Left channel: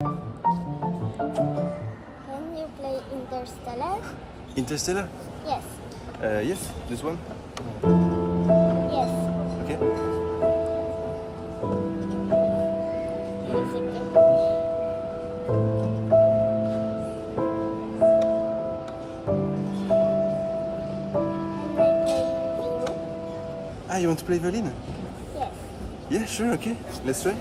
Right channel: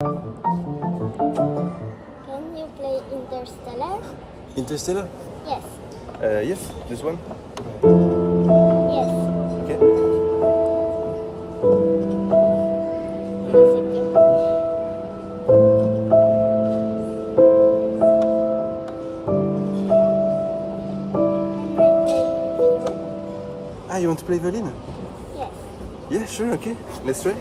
Can you play Interstellar? Interstellar? Yes. Yes, this one. Yes. Okay. Yes, okay. Ah, you want to play violin? Yes. Yeah, sure, okay. Let's try.